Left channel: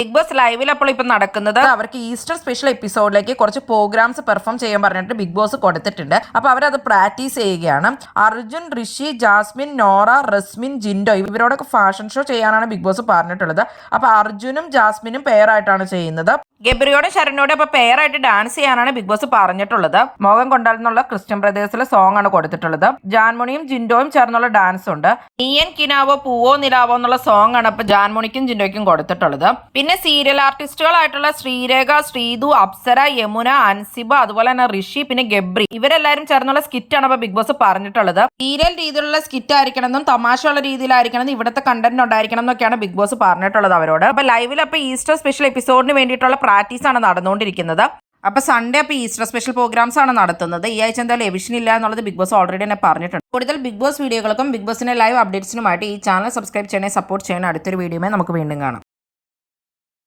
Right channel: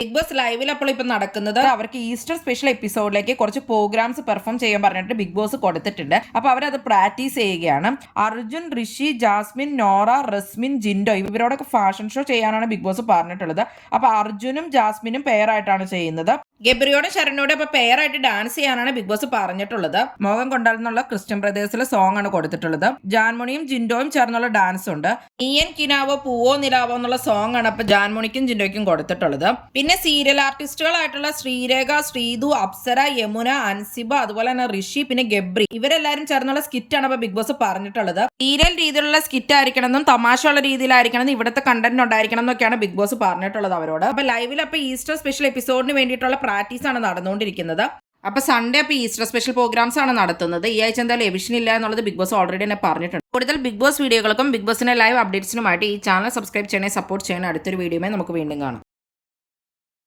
Big boss ലൈവിൽ അപ്പോൾ ഇപ്പം നടക്കുന്നത് അവർക്ക് ഈസ്റ്റർ സ്പെഷ്യൽ എപ്പിസോഡിലേക്ക് കുറച്ച് പ്രോഗ്രാംസ് പെർഫോം ചെയ്യാൻ പറഞ്ഞിട്ട് ബിഗ് ബോസ് കൊടുത്തിട്ടുണ്ട്. അപ്പോൾ അവരത് പ്രാക്ടീസ് ചെയ്യുകയാണ്. അർജുൻ, ഋഷി, ജാസ്മിൻ, നോറ, റസ്മിൻ, ജിൻഡോ ഇവരോടൊക്കെ ഫാഷൻ ഷോ ചെയ്യാനാണ് ബിഗ് ബോസ് പറഞ്ഞിട്ടുള്ളത്. അപ്പോൾ അർജുനും ജാസ്മിനും പെയറായിട്ടാണ് ചെയ്യുന്നത്. ഗബ്രിയോടും ശരണ്യോടും അപ്പോൾ പെയറായിട്ട് ഡാൻസ് ചെയ്യാനാണ് ബിഗ് ബോസ് പറഞ്ഞിട്ടുള്ളത്. മോഹം കൊണ്ടാലെന്നുള്ള ക്രിസ്ത്യൻ ബ്രദേഴ്സിലെ സോങ് ആണ് കൊടുത്തിട്ടുള്ളത്. ജാൻമോണിയും ജിൻഡോയും ചേർന്നുള്ള ഡാൻസ് ഉണ്ട്. നീയൻ കിനാവോ പൂവോ നിലാവോ എന്നുള്ള സോങ് ആണ് ഇപ്പൊ ജാൻമോണിക്കും ജിൻഡോയ്ക്കും കൊടുത്തിട്ടുള്ളത്. പിന്നെ സീരിയൽ ആർട്ടിസ്റ്റുകളായിട്ടുള്ള ശ്രീരേഖ, ശ്രീതു, അപ്സര, യമുന, അൻസിബ, അതുപോലെ തന്നെ ഋഷി, പിന്നെ ഗബ്രി ഇവരെല്ലാരും ചേർന്നുള്ള സ്കിറ്റ് ആണ് ഇപ്പൊ ബിഗ് ബോസ് പറഞ്ഞിട്ടുള്ളത്. സീരിയൽ രീതിയിലുള്ള സ്കിറ്റ് ആയിരിക്കണമെന്നും തമാശയുള്ള രീതിയിലായിരിക്കണം, ഇവിടുത്തെ കണ്ടന്റ് ഉണ്ടായിരിക്കണം എന്നൊക്കെയാണ് ബിഗ് ബോസ് പറഞ്ഞിട്ടുള്ളത് അവരോട്. അപ്പൊ ലൈവിൽ അപ്പൊ ഈസ്റ്റർ സ്പെഷ്യൽ എപ്പിസോഡിന് വേണ്ടിയിട്ടുള്ള പ്രാക്ടീസ് ആണ് നടന്നുകൊണ്ടിരിക്കുന്നത്. അപ്പൊ സൺഡേ അപ്പൊ ഈസ്റ്റർ സ്പെഷ്യൽ പ്രോഗ്രാംസ് ആണ് നടത്തുന്നത്. ഈ ആഴ്ച എന്തായാലും എവിഷൻ ഇല്ല എന്നുള്ളത് ബിഗ് ബോസ് ഓൾറെഡി തന്നെ പറഞ്ഞിട്ടുണ്ട്. കൂടുതൽ ബിഗ് ബോസ് വീഡിയോകൾക്കും ബിഗ് ബോസിന്റെ ലൈവ് അപ്ഡേറ്റ്സിനുമായിട്ട് ഈ ചാനൽ സബ്സ്ക്രൈബ് ചെയ്യണേ, സപ്പോർട്ട് ചെയ്യണേ. അടുത്തൊരു വീഡിയോയുമായി നമുക്ക് വീണ്ടും കാണാം.